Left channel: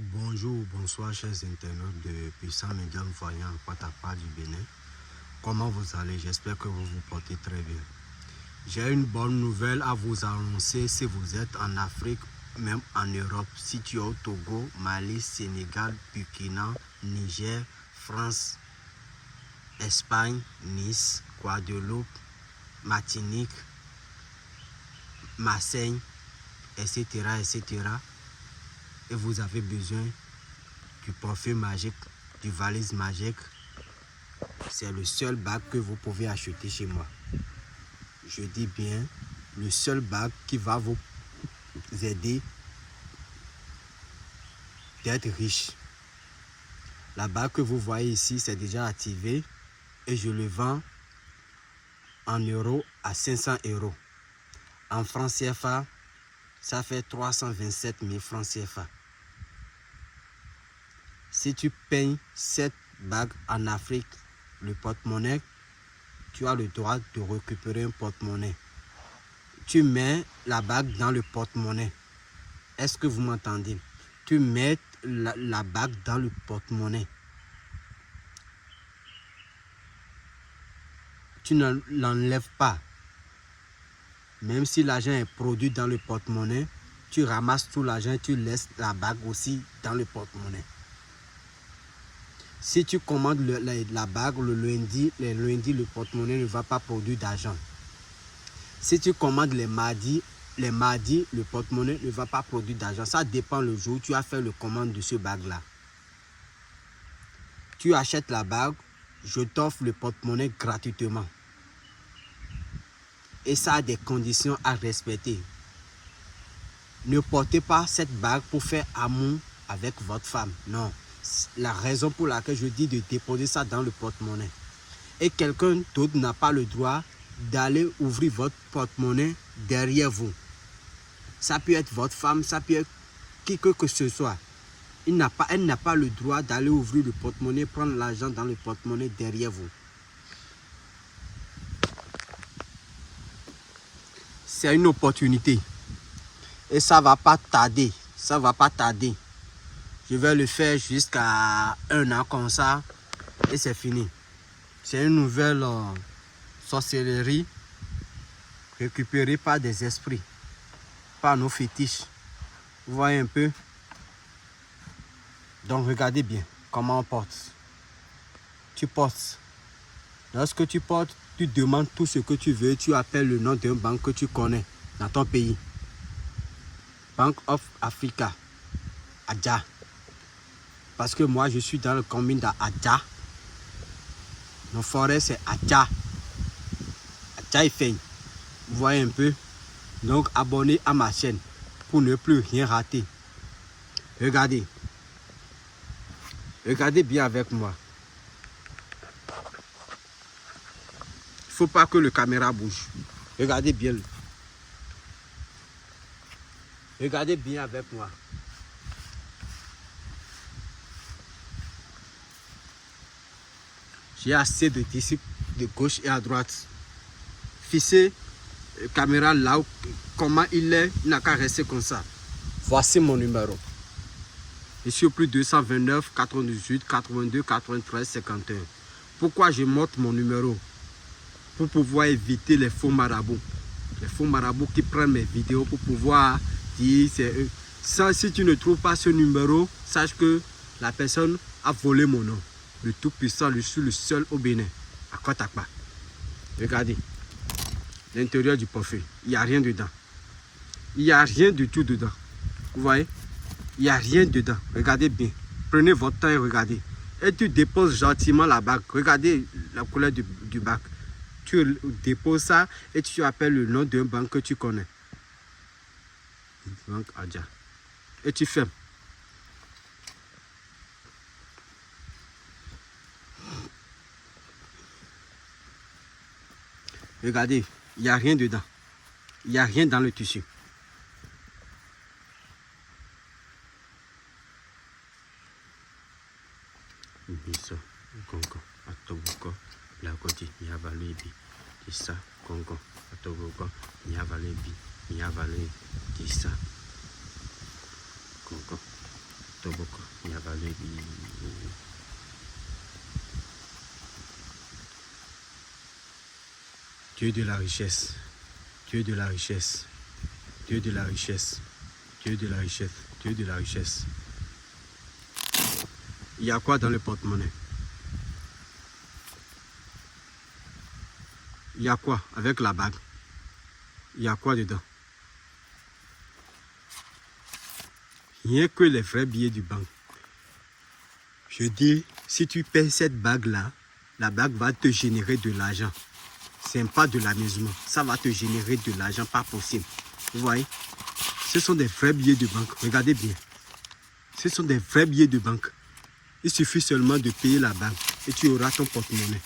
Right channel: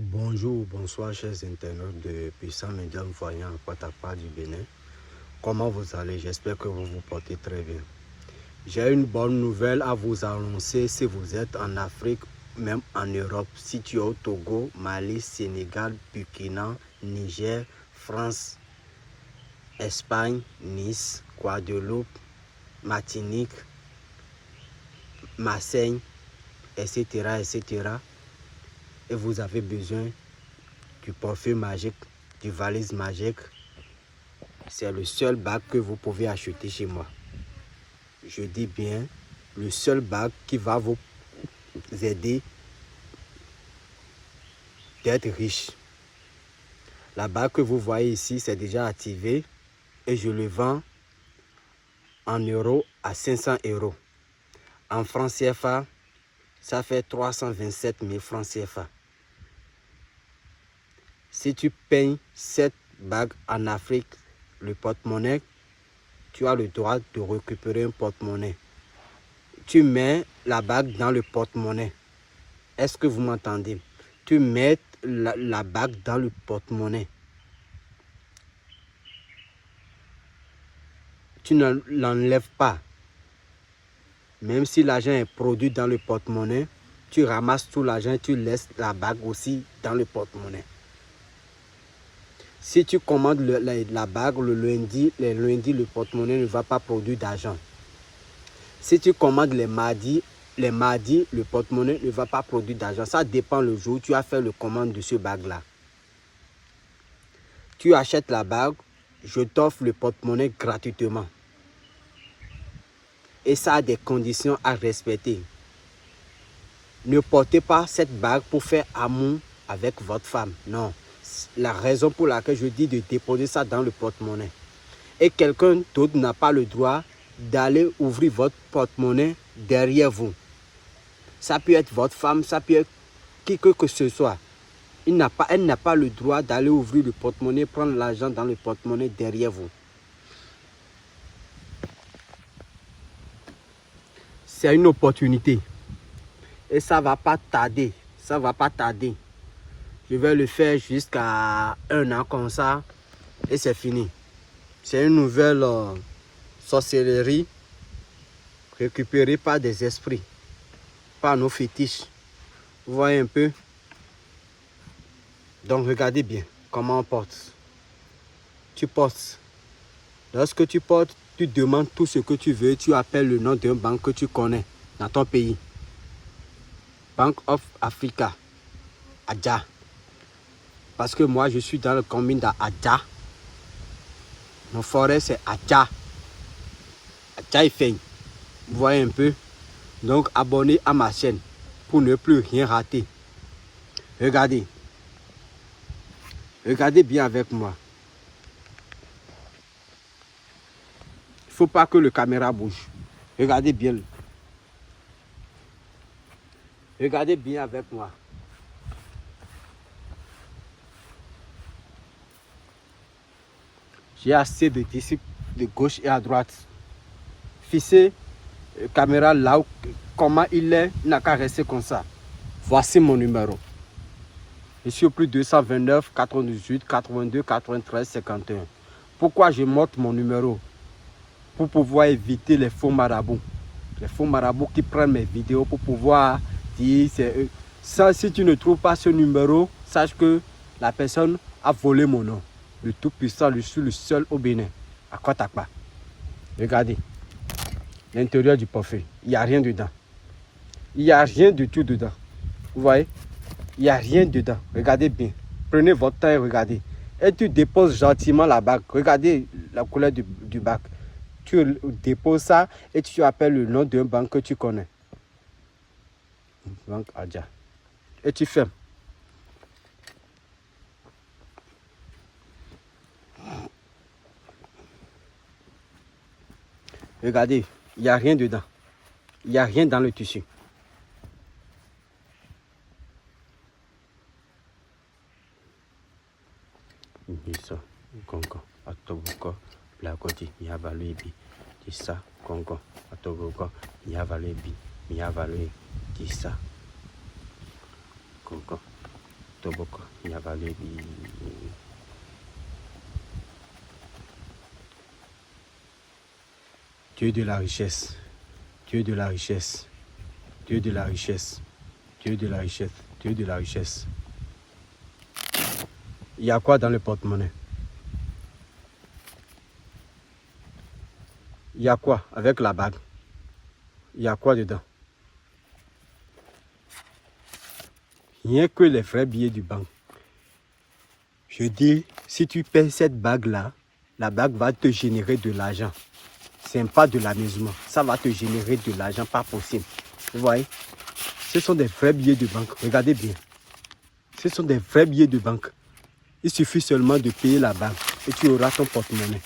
Bonjour, bonsoir chers internautes de Puissant Médium Voyant à Patapa du Bénin. Comment vous allez? J'espère que vous vous portez très bien. J'ai une bonne nouvelle à vous annoncer si vous êtes en Afrique, même en Europe, situé au Togo, Mali, Sénégal, Burkina, Niger, France, Espagne, Nice, Guadeloupe, Martinique, Marseille, etc., etc. Et vous avez besoin du parfum magique, du valise magique. C'est le seul bac que vous pouvez acheter chez moi. Je dis bien, le seul bac qui va vous aider d'être riche. La bague que vous voyez ici, c'est déjà activé et je le vends en euros à 500 euros. En francs CFA, ça fait 327 000 francs CFA. Si tu payes cette bague en Afrique, le porte-monnaie, tu as le droit de récupérer un porte-monnaie. Tu mets la bague dans le porte-monnaie. Est-ce que vous m'entendez? Tu mets la bague dans le porte-monnaie. Tu ne l'enlèves pas. Même si l'argent est produit dans le porte-monnaie, tu ramasses tout l'argent et tu laisses la bague aussi dans le porte-monnaie. Si tu commandes la bague le lundi, le porte-monnaie ne va pas produire d'argent. Si tu commandes les mardis, le porte-monnaie ne va pas produire d'argent. Ça dépend le jour où tu as fait le commande de ce bague-là. Tu achètes la bague, je t'offre le porte-monnaie gratuitement. Et ça a des conditions à respecter. Ne portez pas cette bague pour faire amour avec votre femme. Non. La raison pour laquelle je dis de déposer ça dans le porte-monnaie. Et quelqu'un d'autre n'a pas le droit d'aller ouvrir votre porte-monnaie derrière vous. Ça peut être votre femme, ça peut être qui que ce soit. Elle n'a pas le droit d'aller ouvrir le porte-monnaie, prendre l'argent dans le porte-monnaie derrière vous. C'est une opportunité. Et ça ne va pas tarder. Ça ne va pas tarder. Je vais le faire jusqu'à 1 an comme ça. Et c'est fini. C'est une nouvelle sorcellerie récupérée par des esprits. Par nos fétiches. Vous voyez un peu? Donc regardez bien comment on porte. Tu portes. Lorsque tu portes, tu demandes tout ce que tu veux. Tu appelles le nom d'un banque que tu connais dans ton pays. Bank of Africa. Adja. Parce que moi, je suis dans le commune d'Adja. Nos forêts, c'est Adja. Adja et Feigne. Vous voyez un peu? Donc, abonnez à ma chaîne pour ne plus rien rater. Regardez. Regardez bien avec moi. Il ne faut pas que le caméra bouge. Regardez bien. Regardez bien avec moi. J'ai assez de disciples de gauche et à droite. Fixez la caméra là où, comment il est, il n'a qu'à rester comme ça. Voici mon numéro. Je suis au plus 229 98 82 93 51. Pourquoi je montre mon numéro? Pour pouvoir éviter les faux marabouts. Les faux marabouts qui prennent mes vidéos pour pouvoir dire c'est eux. Ça, si tu ne trouves pas ce numéro, sache que la personne a volé mon nom. Le Tout-Puissant, je suis le seul au Bénin, à Kotakpa. Regardez, l'intérieur du parfum, il n'y a rien dedans. Il n'y a rien du tout dedans. Vous voyez? Il n'y a rien dedans. Regardez bien. Prenez votre temps et regardez. Et tu déposes gentiment la bague. Regardez la couleur du bac. Tu déposes ça et tu appelles le nom d'un banque que tu connais. Banque Adja. Et tu fermes. Regardez, il n'y a rien dedans. Il n'y a rien dans le tissu. Ça, Congo, Atobuko, la côte, il y a valé de ça, Congo, Atobuko, il y a valé de ça, Congo. Toboko, la vallée du... Dieu de la richesse, Dieu de la richesse, Dieu de la richesse, Dieu de la richesse, Dieu de la richesse. Il y a quoi dans le porte-monnaie? Il y a quoi avec la bague? Il y a quoi dedans? Rien que les vrais billets du banque. Je dis, si tu payes cette bague-là, la bague va te générer de l'argent. C'est pas de l'amusement. Ça va te générer de l'argent, pas possible. Vous voyez? Ce sont des vrais billets de banque. Regardez bien. Ce sont des vrais billets de banque. Il suffit seulement de payer la bague et tu auras ton porte-monnaie.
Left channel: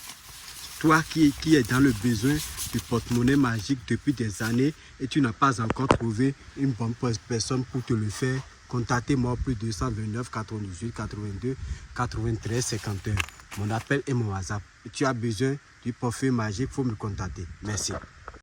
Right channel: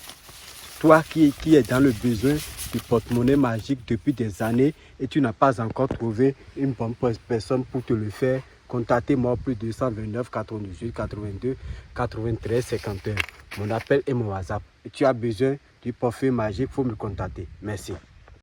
Toi qui es dans le besoin du porte-monnaie magique depuis des années et tu n'as pas encore trouvé une bonne personne pour te le faire, contactez-moi au plus 229 98 82 93 51. Mon appel et mon WhatsApp. Et tu as besoin du portefeuille magique, il faut me contacter. Merci.